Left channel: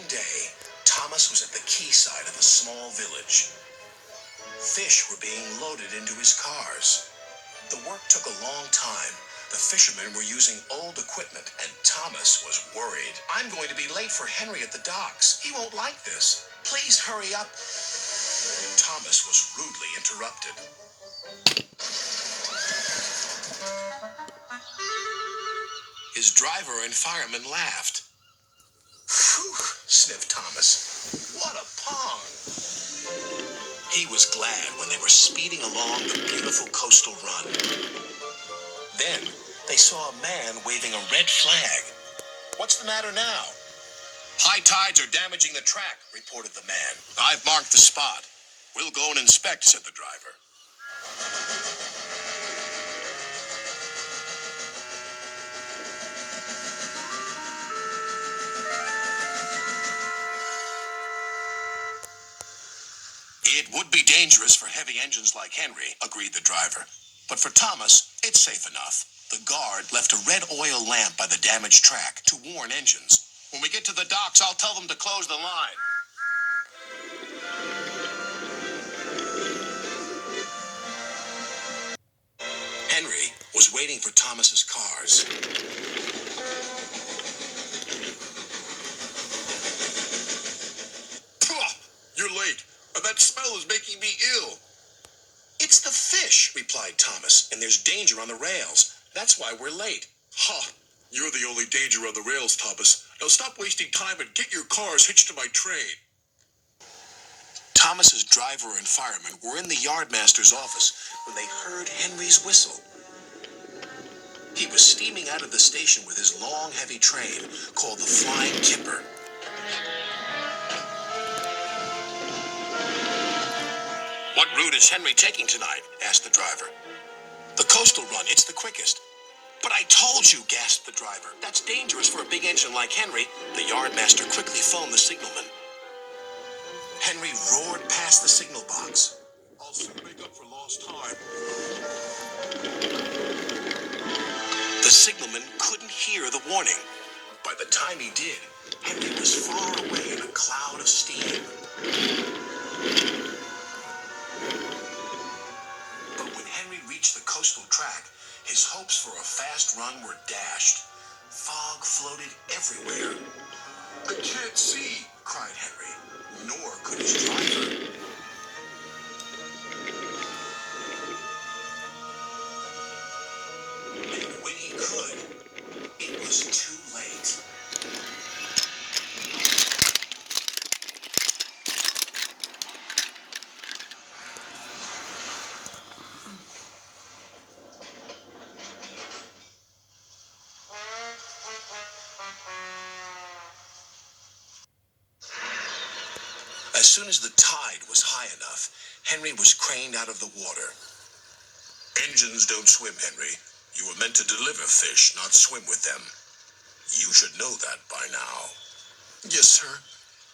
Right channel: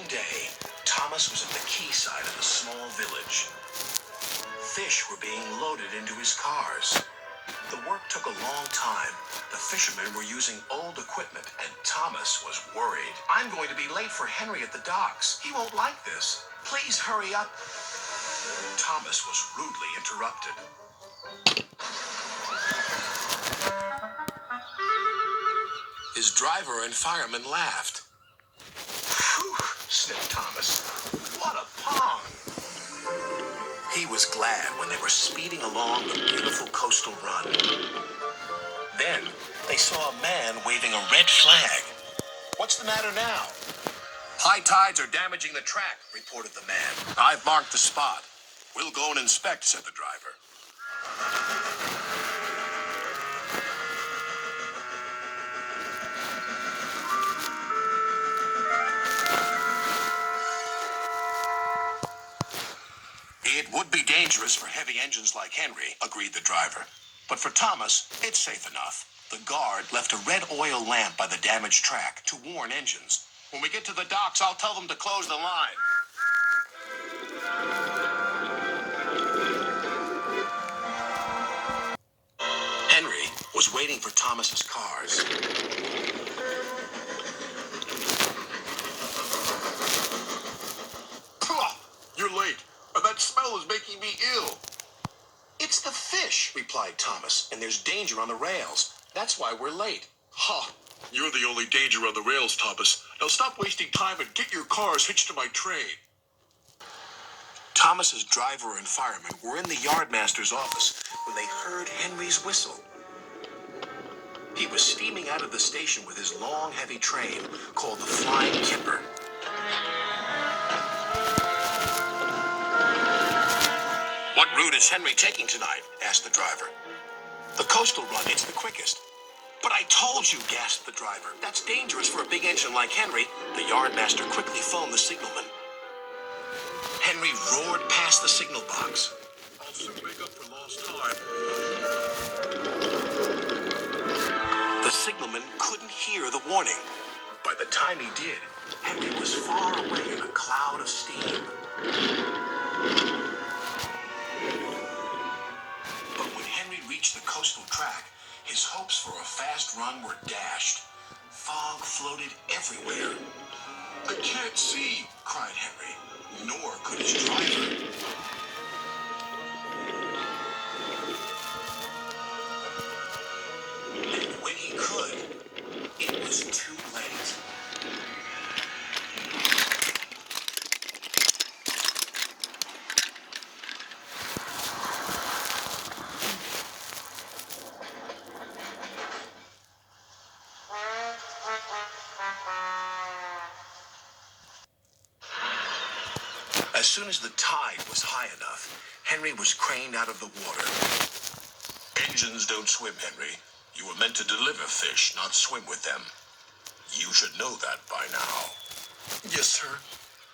One day, Thomas was at the quayside of a small village. Fish were being loaded into his cars. The work took a long time. The fishermen were using old equipment, and Thomas was worried. I'm going to be late for Henry at the docks. He won't like this. Please hurry up. Thomas was rudely interrupted. His driver and fireman laughed. Phew, sniffed Thomas. What a pong! He was glad when they were speeding along the beautiful coastal run. Then they saw a man waving a red flag. What's the matter now? High tides are damaging the track, reported the man. I've marked the spot. We'll go and inspect, said the driver. It would be dangerous for heavy engines like Henry, agreed the driver. But for Thomas, it's safe enough. The guard left a red oil lamp by the damaged track to warn engines. When we get to the docks, I'll tell them to close the line. Henry was waiting for Thomas's cars. You're late, and that smell is making me ill. It's the fish, replied Thomas, and there's danger on the rails. That's why we're late. Ha! You're the only danger on the rails, Thomas. Now stop wasting time and get your cars hitched to my train. Thomas's driver and fireman were in the yardmaster's office when they heard Henry's whistle. He was steaming out of the station with his long, heavy train called the Flying Kipper. What route is Henry taking tonight? Asked the driver. The coastal run, it's the quickest. But I told you, gasped the driver. That's dangerous for a big engine like Henry. The yardmaster quickly phoned the signalman. Henry roared past the signal box. I'll soon make up for lost time. The signalman couldn't hear the warning. By the time he did, Henry was far away in a cloud of steam. But when Henry reached the coastal track, his hopes for a fast run were dashed. Fog floated everywhere. I can't see, cried Henry, nor could his driver. And when he could, it was too late. As soon as the tide was high enough, Henry was craned out of the water. Engines don't swim, Henry. You were meant to deliver fish, not swim with them. You should know that by now. Yes, sir.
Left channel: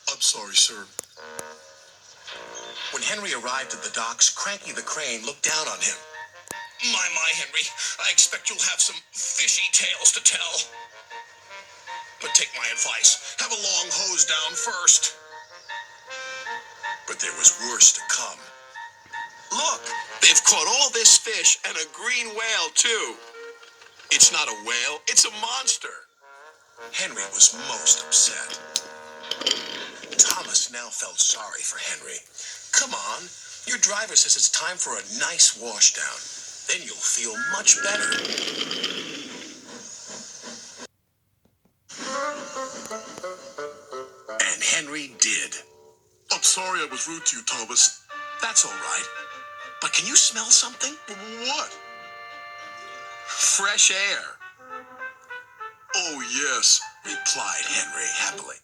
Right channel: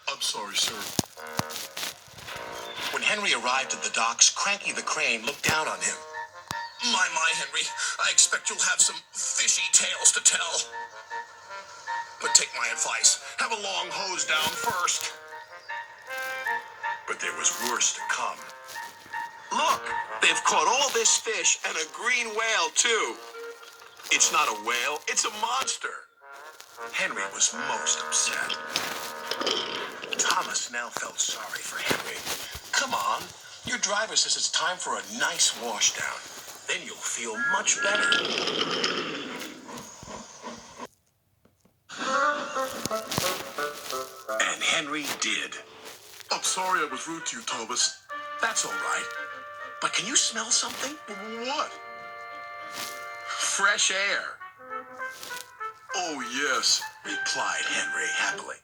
I'm sorry, sir. When Henry arrived at the docks, Cranky the Crane looked down on him. My, Henry, I expect you'll have some fishy tales to tell. But take my advice. Have a long hose down first. But there was worse to come. Look, they've caught all this fish and a green whale, too. It's not a whale, it's a monster. Henry was most upset. Thomas now felt sorry for Henry. Come on, your driver says it's time for a nice washdown. Then you'll feel much better. And Henry did. I'm sorry I was rude to you, Thomas. That's all right. But can you smell something? What? Fresh air. Oh, yes, replied Henry happily.